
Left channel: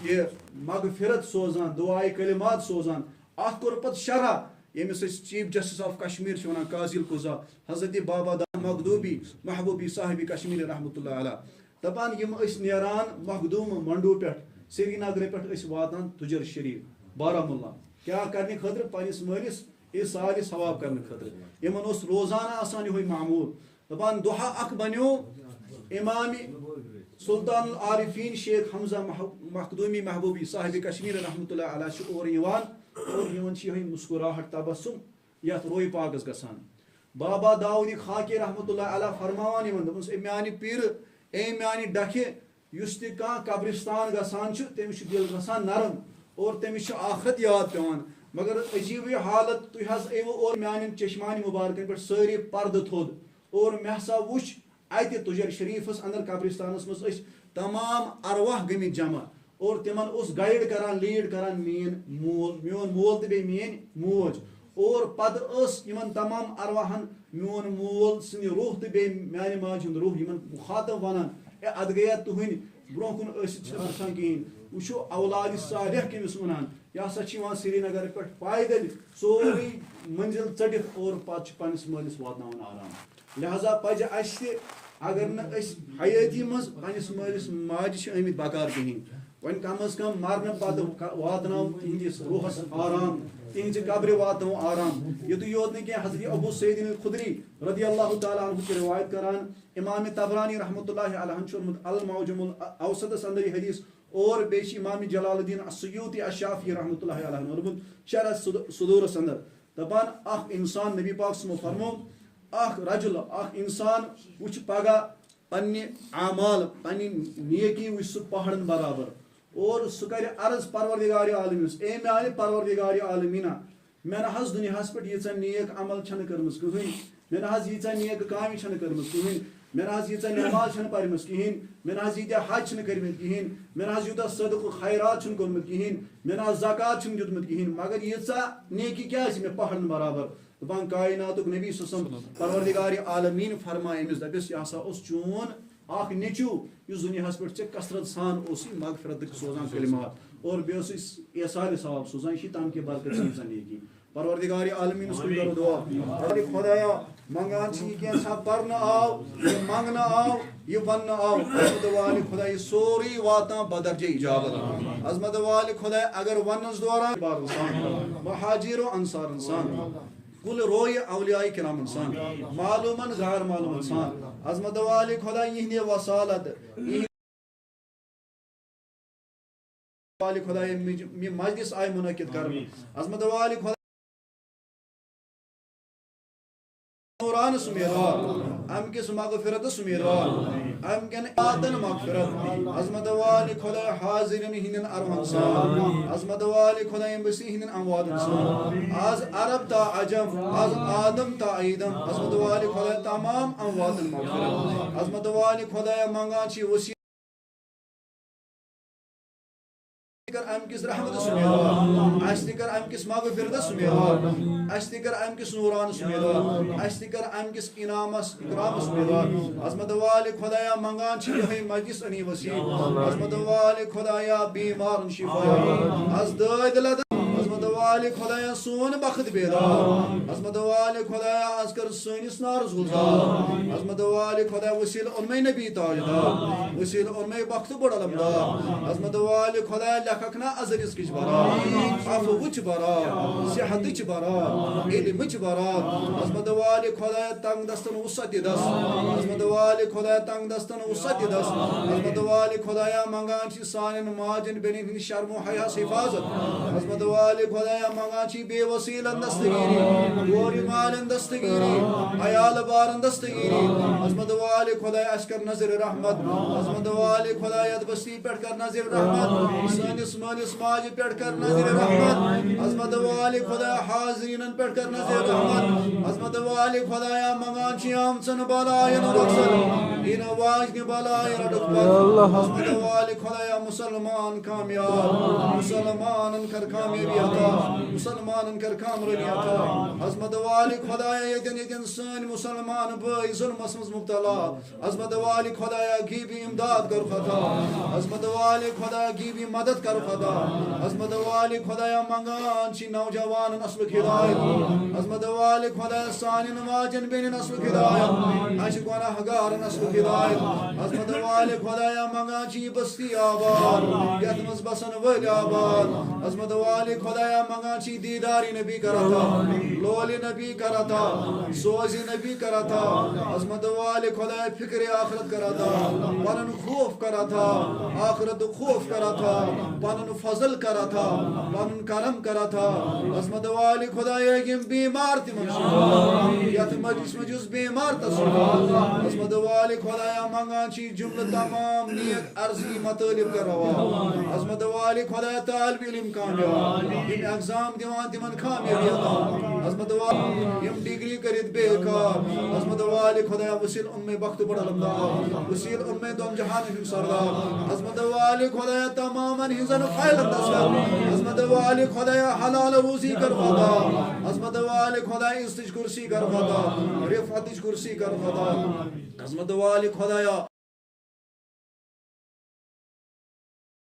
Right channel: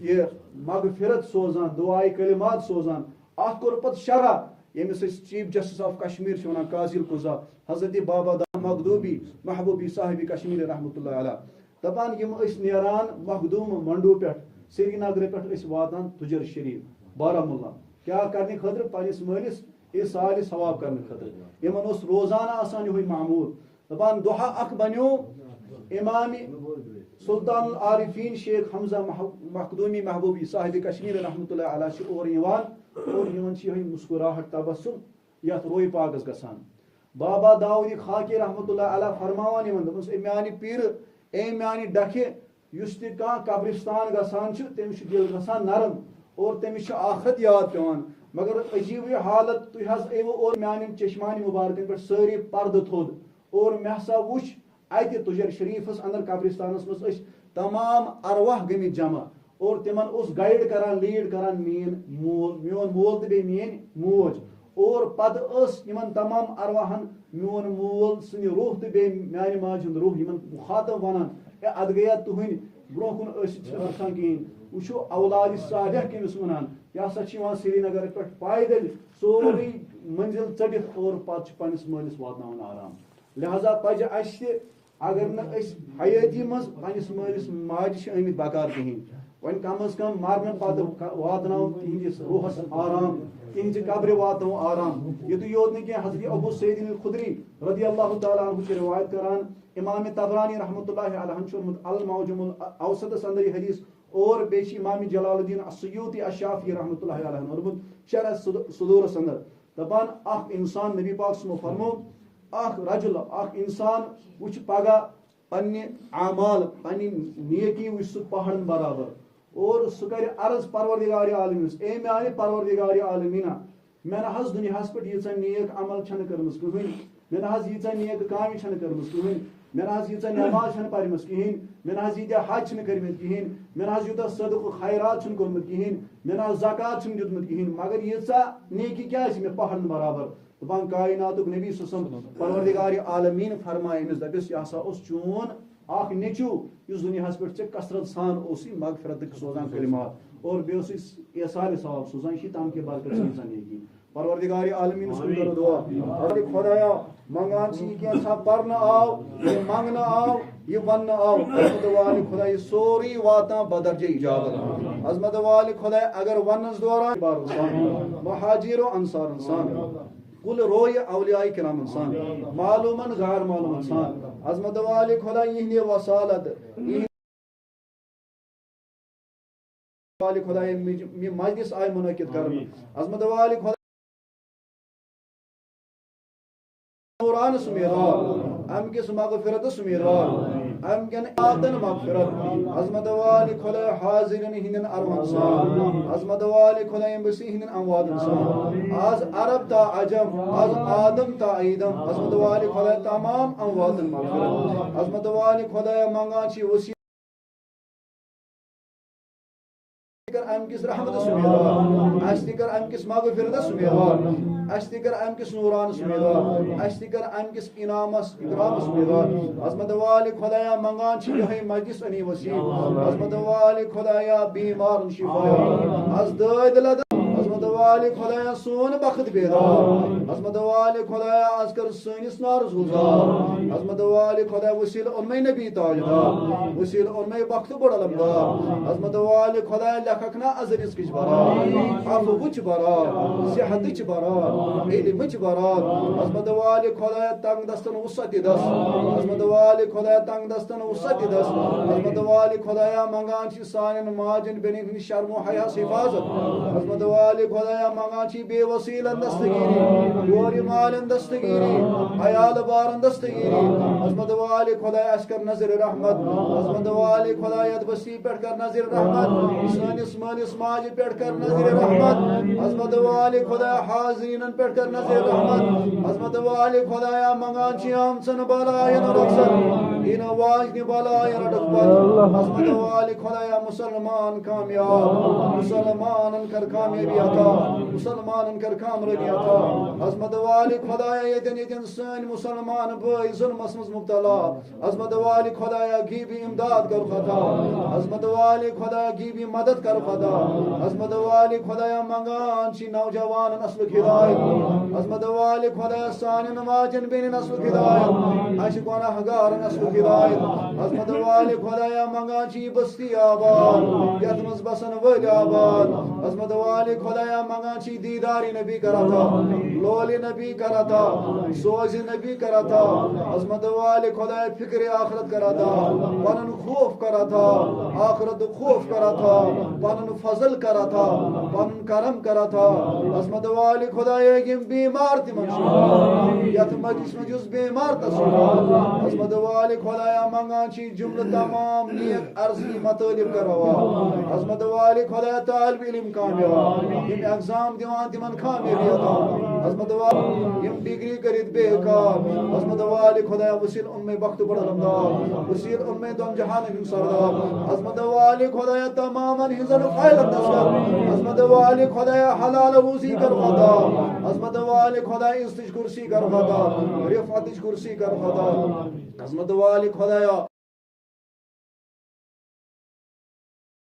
ये मगफिरत सोजान दुआए कलिमात सोजान अत कोर पत शरह यमिस चीफ जस्टिस ऑफ कश्मीर वन काजिल कुजा हजरत बाबा मखदूमी महबूबी साहिब कश्मीर रहमतुल्लाह अलैह दपान यम नेरान मखदूम मंडू पे श्रीनगर पे वातान तुजर शरीफ बारामुल्ला क्या करने खतर पनिस मालिस ये साल सवाब करने खतर यमन रोजाना आसान यह मामूल दपान दुहा अख बनो इमाम सुल्तान आरिफीन शेख हमजा मखदूमी महबूबी साहिब कश्मीर रहमतुल्लाह अलैह और यह मुस्कुराहट तबसुम यथ रोई पागस गसान बाबा दाऊद खाकी रहमतुल्लाह अलैह फरमावान म्यान पीर ए म्यान डखे युस तह कब्रिस्तान गसान तमिस दिल गसान नरम और तमिस आखरत याद पेवान मगर अजीब हालत तुह और म्यान चश्मान मुबारक पे सारी पर्द थोद और मे हसा वुच अत तुजर शरीफस अंदर कब्रिस्तानस मज तमाम अरवाह गमित जमा और तिमन गाइड करान लीड करान मोन मोल तो मेन मोज और पद यमन तमाम अरवाहन मोन मोल सन रूह तो म्यान माज रूह यमन मुखातब वनान अद गया तुहन ब्रो कुन कहें वो औलाद सालिह कमिस वनान यह हसा श्रीनगर पे पैदल सोरी मंजिल चढ़ित और पत पनिस मालिस वातनावन आराम लिहाजा पज अगर न हयाती मज पनिस मालिस माज आमित बकार कहें वन कम अज कम मरने पद वातनाव तिहंदिस रूहस आराम तिहंज कब्र वातनाव आराम युत योत न हजरत अबू सईद खुदरी रदियल्लाहु तआला अन्हु की रिवायत करान इमाम तबरानी रहमतुल्लाहि अलैहि अल मौजमुल औसत अंदर हदीस और बेश इमाम जलालुद्दीन अस्सुयूती अश्शाफी रहमतुल्लाहि अलैहि शरह सुदूर अंदर दपान अख इंसान नबी पाक फरमो अख रजुल अख इंसान वुच पगह पन्ने आमाल पन्नी नेकी वुछ सु पहाड़न बराबर और सु कर अर्ज परवरदिगार आलमीन ए मेरे परवरदिगार आलमीना मैं हज दुनियास पे यीचा नेक अमल छन करमस कहीं मैं हज यीचा नेक काम छन करमस कहीं मैं हज यीचा नमाज छन पढ़मस कहीं मैं हज यीता हज छन करमत कहीं मैं हज यूता सदक़ खैरात छन करमत कहीं मैं हज ज़कात छन दितमत कहीं मगर यीचा नेकी क्या मे पहाड़न बराबर दपान कायनातुक नबी ससम परवरदिगार आलमीन फरमाए अमिस दपिस यह हसा चून आख नेचू इस दुनियास पे कसरत सान मगफरत सोजान कलिमात और एहसान सवाब सोजान तम के बरकत नेकी परवरदिगार आलमीन करो दुआ अरे खुदाया मंगान क्या पर आव ये मंगना आव ये वन आव अजमत वाले खुदा ये सोरी वाता बदरजे इजाबत अजमत वाले खुदा अगर वनस दौरान महाजिर अंसार इंसान कुल रोय औलिया किराम इंसान मालूमन गैर मालूम इंसान अजमत वाले खुदा यहने वसालत वाले खुदा मजलिस आय मुनकिद करने अजमत वाले खुदा नूरान सुमेरार अम किस मगफिरत सुमेरार अम कन आदन मगफिरत अजमत वाले खुदा हाजिरिन हिनन अरहम सान अजमत वाले खुदा बसी हिनन अमवाद सान आज अरब ता अजम आज आदम ता ईदम अजमत वाले खुदा तमाम अमवाद मगफिरत अजमत वाले खुदा मंगा छी वसी अम किस रहमत सुमेदार अस्तिकर अम किस मगफिरत सुमेदार अस्तिकर अम किस नूरान सुमेदार अस्तिकर अम किस इनामस इकराम सुमेदार अजमत वाले खुदाया मंगान छी यही मजलिस अनि वसी अजमत वाले खुदाया बीमार शिफा अज दद अजमत वाले खुदाया सोन बखत बेदार अजमत वाले खुदाया आज कर सोनिस नारज गुजार अजमत वाले खुदा वसील उनमें नबी ताजदार वसील उनमें वक्त बड़ा लमदार अजमत वाले खुदाया लखकना अजरिस किच बरा अफवुच बरा सेहतच बरा इल्मच बरा अजमत वाले खुदाया तंग दस्तन वसत दस अजमत वाले खुदाया तंग दस्तन वसत दस अजमत वाले खुदाया मंगान छी सानन माजन बेनिन शर्म हया हिफाजत अजमत वाले खुदाया मंगाची बेवसीलन दस्तगीरी गोरी मालन दस्तगीरी हयाल बारन दस्तगीरी अजमत वाले खुदाया अस्कर नजर रहमत अजमत वाले खुदाया बस्ती पेट कर नजर रहमत सानिस मानिस माज पेट कर नजर रहमत अजमत वाले खुदाया हाजिरिन पेट कर नजर रहमत अजमत वाले खुदाया मंगाची आमसन बलायन रखसन इन वाजन बलायन रखपत अजमत वाले खुदाया मुसलमान कामयाब मुसलमान कर कामयाबी अता मुसलमान कर कामयाबी अता अजमत वाले खुदाया यदन यदन सन मुसलमान भाई जुल्मस मज मुब्तला अजमत वाले खुदाया गिबी इमदाद कर खता अजमत वाले खुदा गिबी मदद कर खता अजमत वाले खुदाया मंगान छी नौजवान नस्ल हिदायत अजमत वाले खुदाया सान नमाजन बेन नस्ल हिदायत आशिकाना हगार नस्ल हिदायत अजमत वाले खुदाया मंगान छी बस्ती आबाद यतमस बसन वल आबाद अजमत वाले खुदाया मंगान छी दीदारी नबी करता लोली नबी करता सोजी नबी करता अजमत वाले खुदाया फिक्र आखिरत करता पनन खौफ करता आखिरत खौफ करता पनन फजल करता पनन करम करता अजमत वाले खुदाया यम बीमार तिमन यत मजलिस में जुस बीमार तसला अजमत वाले खुदाया मंगान छी जुमला तमाम नियत अर्जी मतलिब करवा अजमत वाले खुदाया तालिब इल्म कामयाब इन एग्जाम दिवान तिमन कामयाबी अता अजमत वाले यम डिग्री करित बेकार अजमत वाले खुदाया वसील उनमें वक्त बड़ा लंबा वसील उनमें दम जहान हिम सरदार अजमत वाले खुदाया तमामन हिजन खैल दसर अजमत वाले खुदाया हलाल रूजी कर खुदा अजमत वाले खुदाया इस्तिज कुर्सी कर खुदा रिफातिज कुर्सी कर खुदा अजमत वाले खुदाया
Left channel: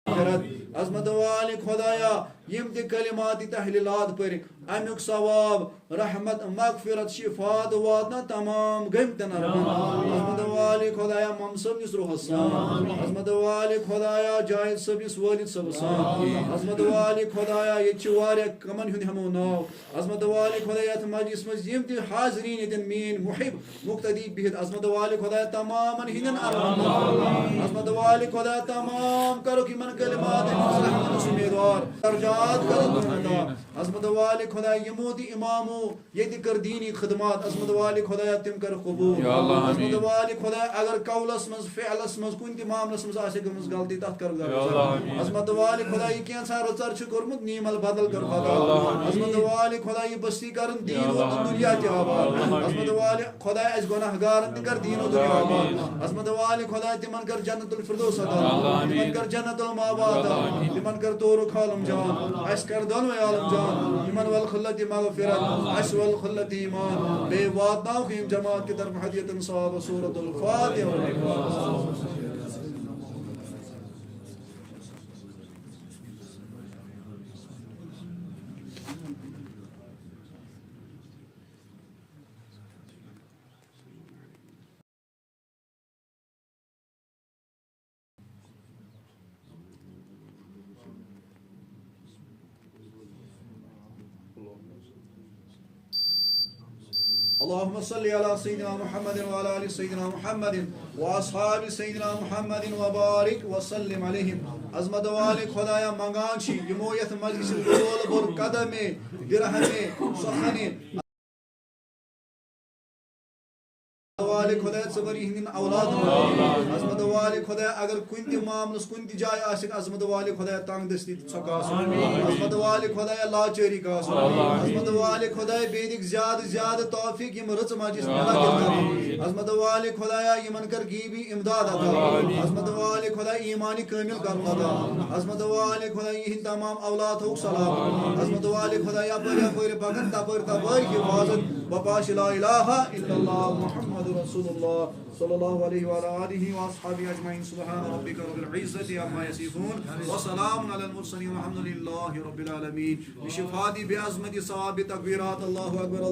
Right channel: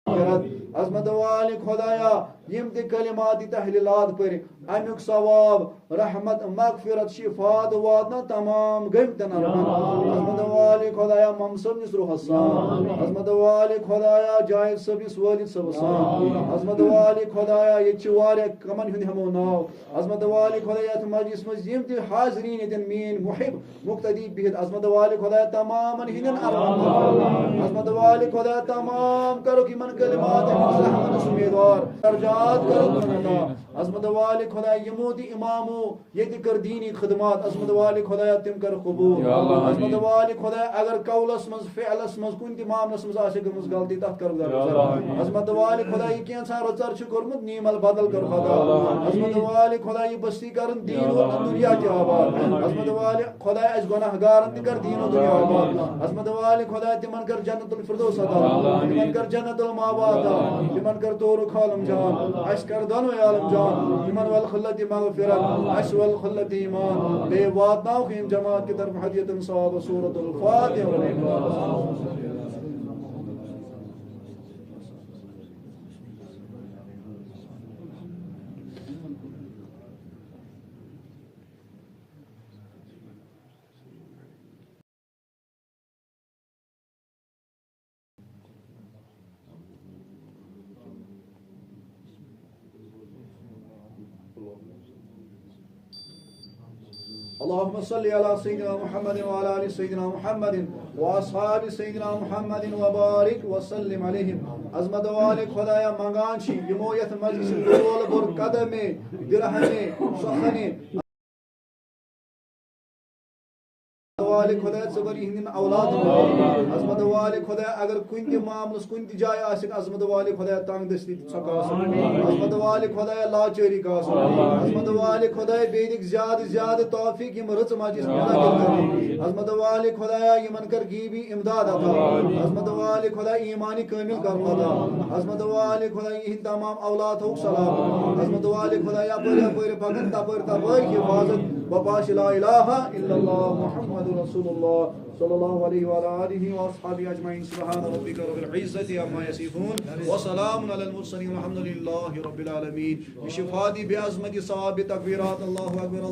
अजमत वाले खुदाया यम ते कलिमात तहलीलात पर अमुक सवाब रहमत मगफिरत शिफात वादना तमाम गमतन अजमत वाले खुदाया ममसम इसरो हसन अजमत वाले खुदाया जायद सबिस वालिद सबसान अजमत वाले खुदाया ये चवारे कमन हुन हमो नाव अजमत वाले खुदाया मजलिस मज यम ते हाजिरीन यदन मीन मुहिब मुक्तदी बिहद अजमत वाले खुदाया तमाम हिनन अजमत वाले खुदाया तमाम करो कि मन कलिमात रहमत सुमेदार दर्जात करत अजमत वाले खुदा यमो दी इमामो ये कर दीनी खिदमत अजमत वाले खुदा तिम कर कबूल अजमत वाले खुदा अगर कौलस मज फ़िअलस मज कुन ति मामलस मज आसे गमस गलती तथ कर दरगुजर अजमत वाले खुदा ये कैसा रचर छु करमुत नीमल बदल कर खुदा अजमत वाले खुदा ये बस्ती करन दीन व दुनिया ते आबाद अजमत वाले खुदा अस गुनाहगारन ते कर दीन व दुनिया आबाद अजमत वाले खुदा तिमन कर जन्नतुल फिरदौस अता तिमन कर जन्नतुल मावा अता तिमन कर तोर खालम जान अस कर दोनों आलम जान तिमन वल खल्लत मगफिरत अस वल खल्लत ईमान बे वादाओं की जमात की तरफ हदियतन साब सूरतुल फातिहा। اللهم صل على سيدنا محمد وعلى ال سيدنا محمد واصحاب سيدنا محمد وبارك وسلم عليهم عظمت वाले खुदाया मंगान छी यमो यथ मजलिस बोल बोल कदमे दिरहमे सखने वाले खुदा सबरी हिंदन औलाद अजमत वाले खुदा अगर कुन ति मामलस कुन ति जाय आशिक अजमत वाले खुदा तंग दस्ती सकास अजमत वाले खुदा लाचरी कास अजमत वाले खुदा बेदिक ज्यादा तौफीक यम रच मजिस मुनाकिद कर अजमत वाले खुदा यमन कर गीबी इमदाद अता अजमत वाले खुदा ईमानी कामिल कर अता अजमत वाले खुदा इन तमाम औलाद हो सलाम अजमत वाले खुदा या पर पगन तपर हिफाजत बपाश ला इलाहा इल्लल्लाह मुहम्मद रसूलुल्लाह सल्लल्लाहु अलैहि व आलिहि व अस्हाबी अजमईन सुब्हान रब्बिका रब्बिल इज्जति अम्मा यसिफून व सलामुन अलल मुरसलीन वल्हम्दुलिल्लाहि रब्बिल आलमीन बिशिफाती बिअज़मति सवाबि तकबीरात अल्लाहु अकबर।